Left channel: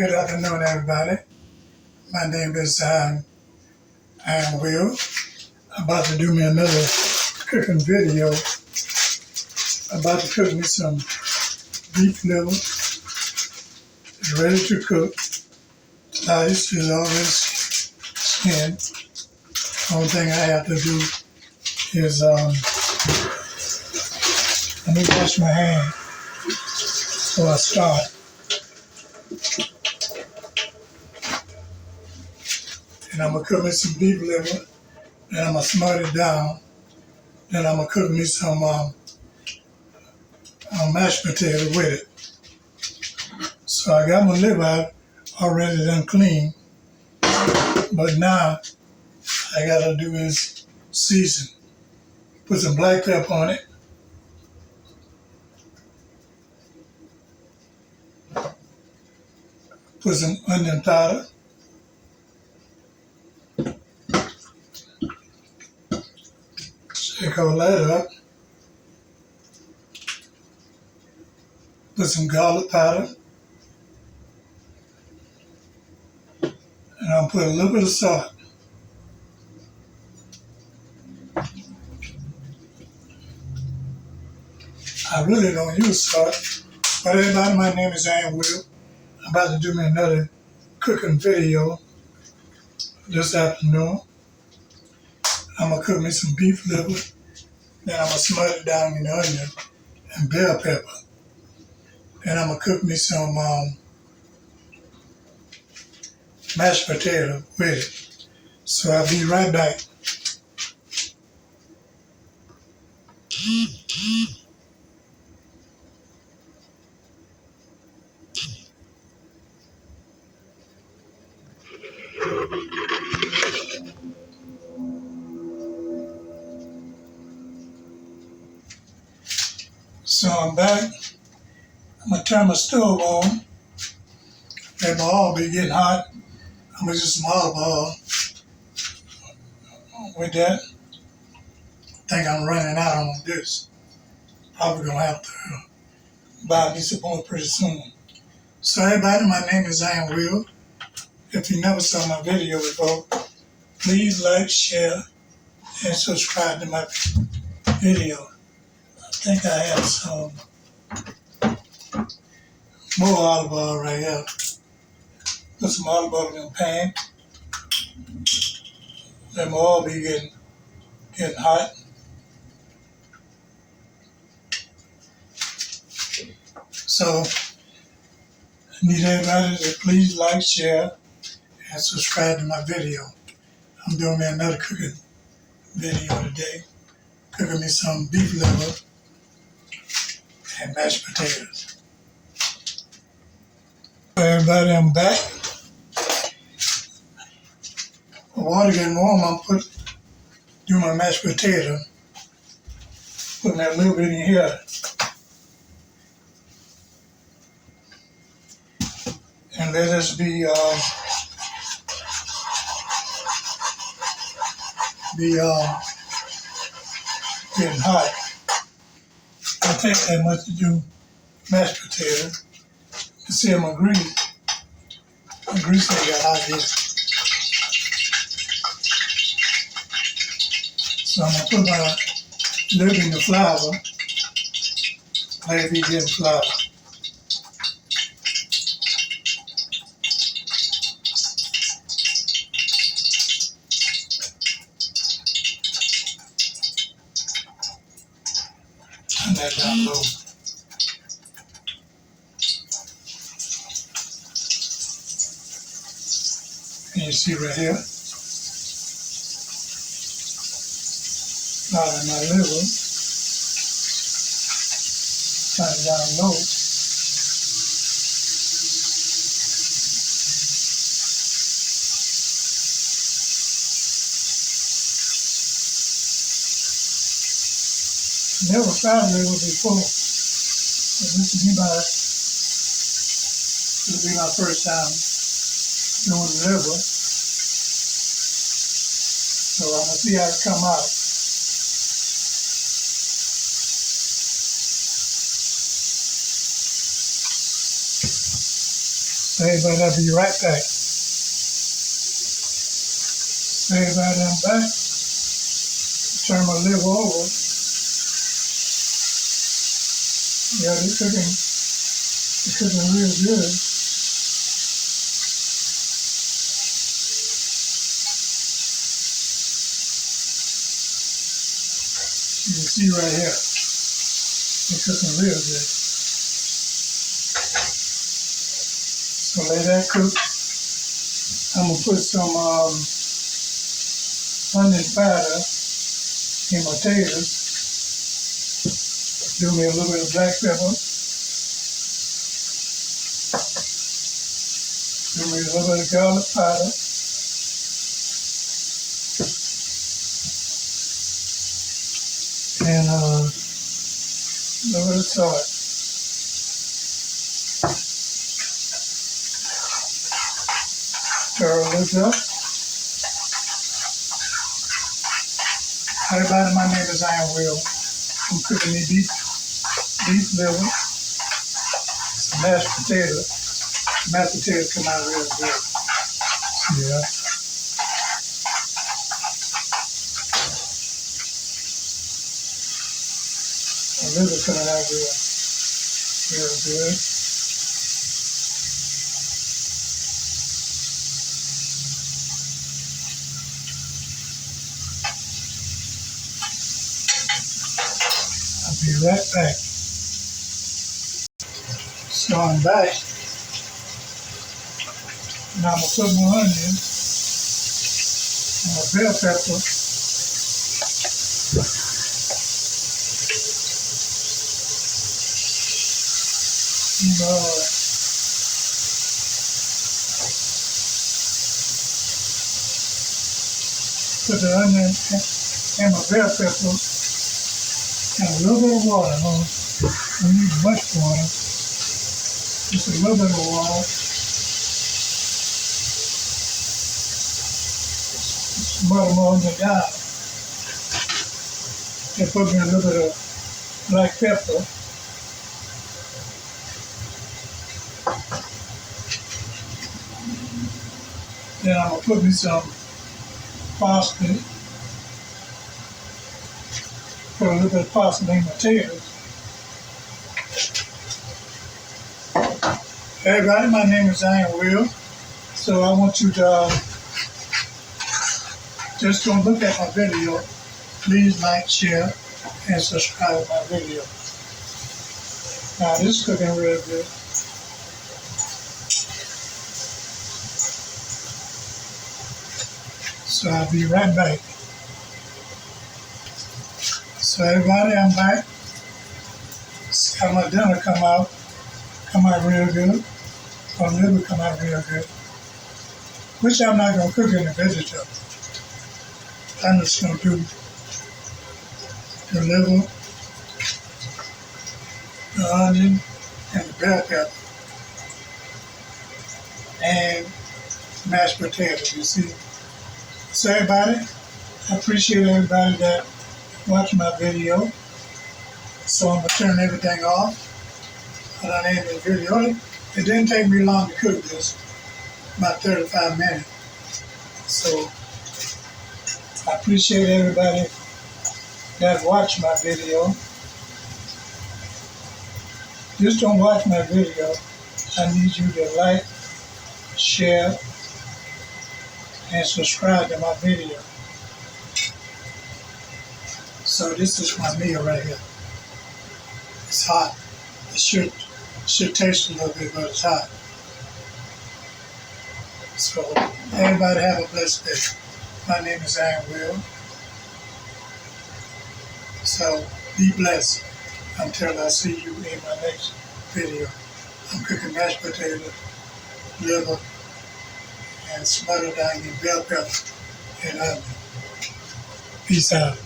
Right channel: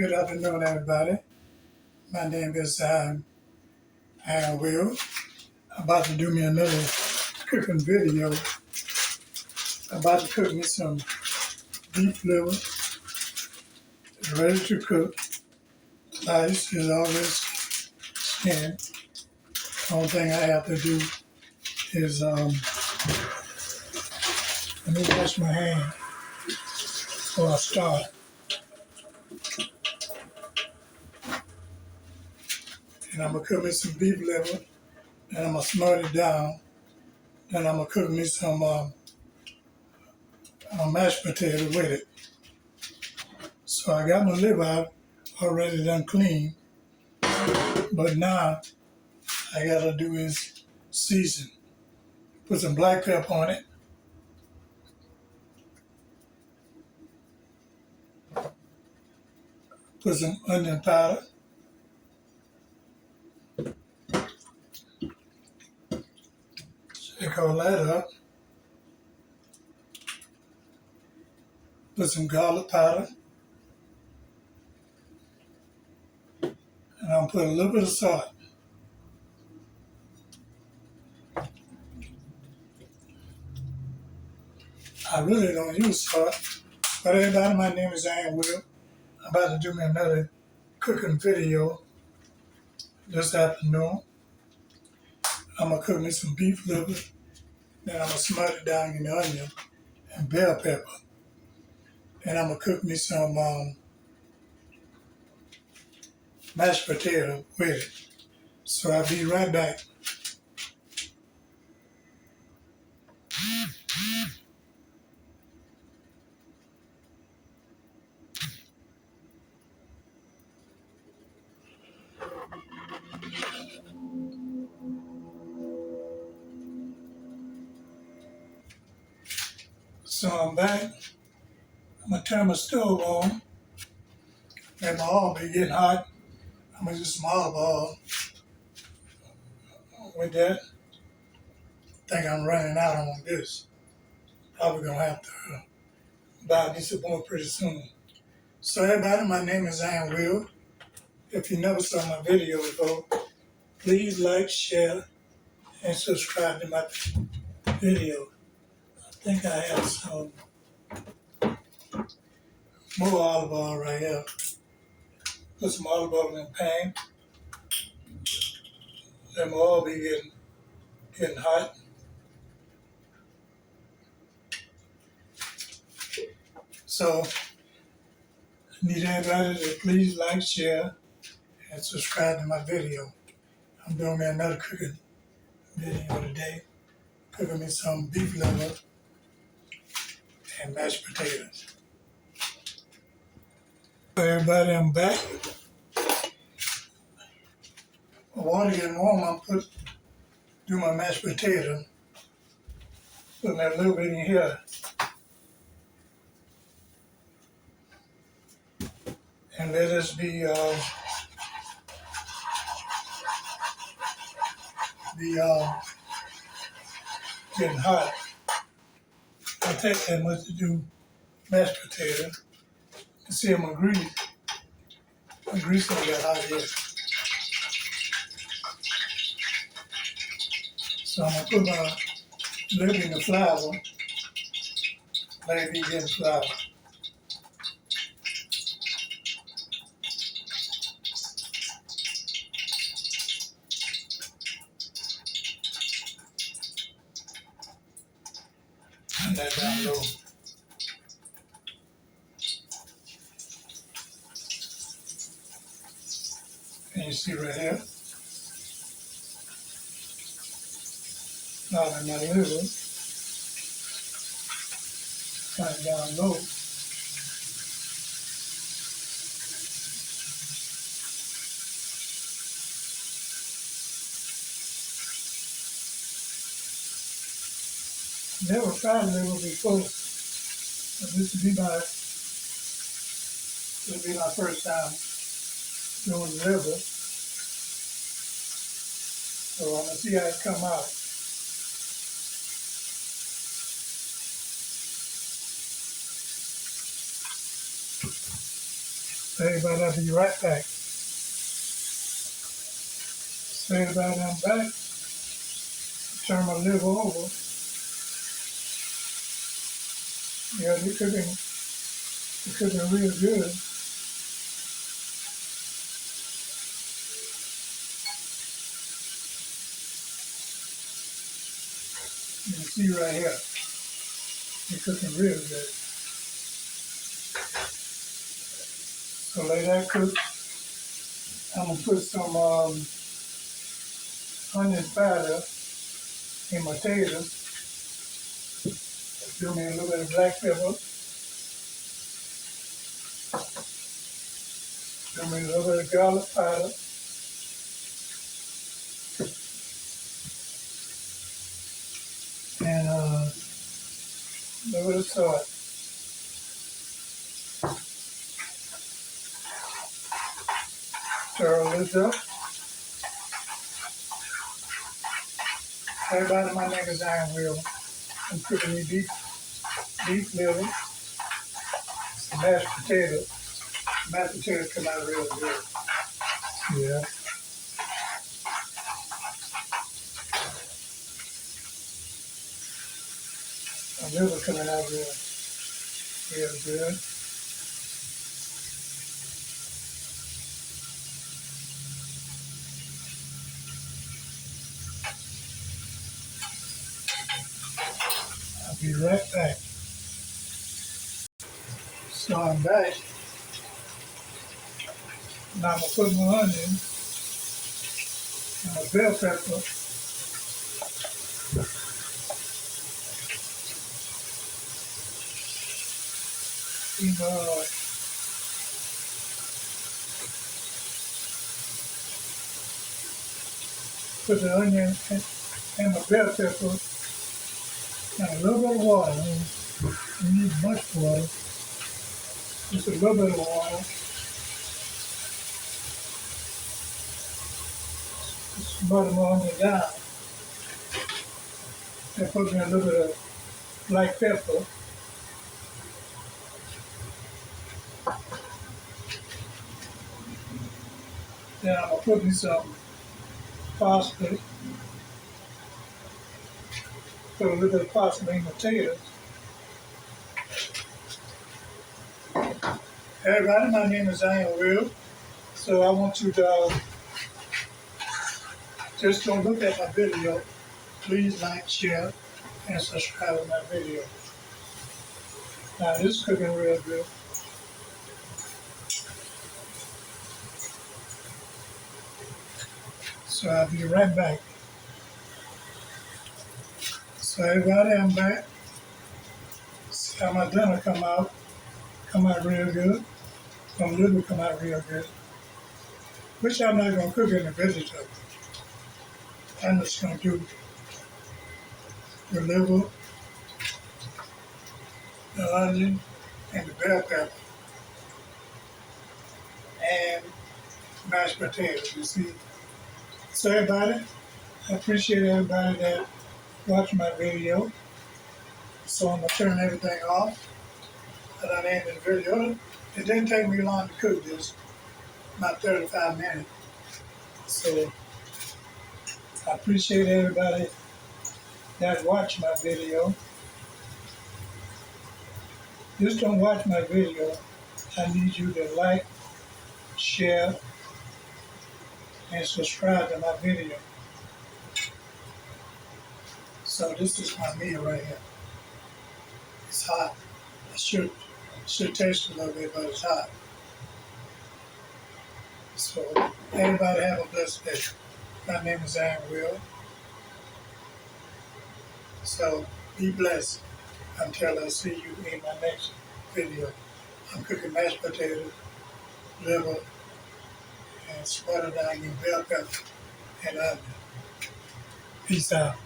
Good afternoon, everybody. My name is I am Will. I'm about to do me another cooking video. I'm about to cook me some beef liver. It's ready to cook. Sliced is already skinned. Only thing I have to do is let me wash my hand before I start. And I'm gonna cook me some beef liver. Then I'm gonna smother it down. Then I'm gonna cook me some mashed potato with it. So I got my liver out already done clean, but now I gotta do is season. Put some black pepper on it. Put some onion powder. Shake all that up. Put some garlic powder. And I'll put a little bit of salt. I really don't use salt. But everybody, my name is Will. I'm about to do me another cooking video this afternoon. I'm gonna cook me some beef liver. Then I'm gonna smother it down in the onion and bell pepper. And I'm gonna cook me some mashed potato with it. So I'll be right back. So I'm back. I'm gonna turn my stove on. Let my oil be getting hot. I'm gonna use some olive oil with that. I think I'm running out on this. Probably gonna have to buy me some more pretty soon. So everybody, my name is Will. If you never saw my video before, please like, share, and subscribe to my video. I think I have some more olive oil right here. Put some olive oil in the pan. Let my oil be getting hot. So I need everybody to please like, share, and subscribe to my video. I'm doing me another cooking video today. Cooking me some beef liver and mashed potatoes. So everybody, I'm back. The water getting warm, I'm do my mashed potato. Putting that little bit in here. And let us be getting hot. I take that much to do mashed potato. You see my grease. My grease ain't got hot yet. So I'm gonna put my lid in the flour. Let it be getting flour. Turn that down low. And you see right here, flour in my liver. Turn it down low. Never fried liver before, but this will be my first time doing liver. So I'm gonna see how it come out. So So everybody, I'll be right back. So everybody, I'm back. Turn my liver over. Yeah, they're cooking real good. You can see right here, they're cooking real good. So let that cook. I'm gonna put some onion powder in my potatoes. Do me a little bit of black pepper. Do me a little bit of garlic powder. And a little bit of salt. Stir this up. Hi everybody, my name is Will. I'm cooking me beef liver, some mashed potatoes. Mashed potatoes come out real good. Yeah. The liver coming out real good. I'll be right back. So I'm back. Now I'm gonna put my onion and my bell pepper. Put the onion and my bell pepper and a little bit of water. Don't need much water. Just a little bit of water. Butter my onion down. And put me a little bit of black pepper. Then I'm gonna put me some parsley. Put a little bit of parsley in my potatoes. Hey everybody, my name is Will. So I want you to just don't look at my video. Please like, share, and subscribe to my video. Now this is cooking real good. So I'll be right back. So everybody, I'm back. See how my dinner come out real good. My liver come out real good. Which I'm not gonna cook in the vegetable. I'm just gonna do the liver, the onion, and the bell pepper, and mashed potatoes, you see. So everybody, I appreciate everybody that watched my video. So I'm gonna turn everything off. I done ended the video. It didn't take me long to cook this, about 35 minutes. So I appreciate everybody that watched my video. Just don't watch my video. I need you to like, share, and subscribe to my video. So this is my meal right here. It's hot. It should taste a little bit, but it's hot. So everybody have a blessed day. My name is Will. So be blessed until I see you in my next video. I'm cooking mashed potatoes, liver, and smothered onion, bell pepper, and onion. Peace out.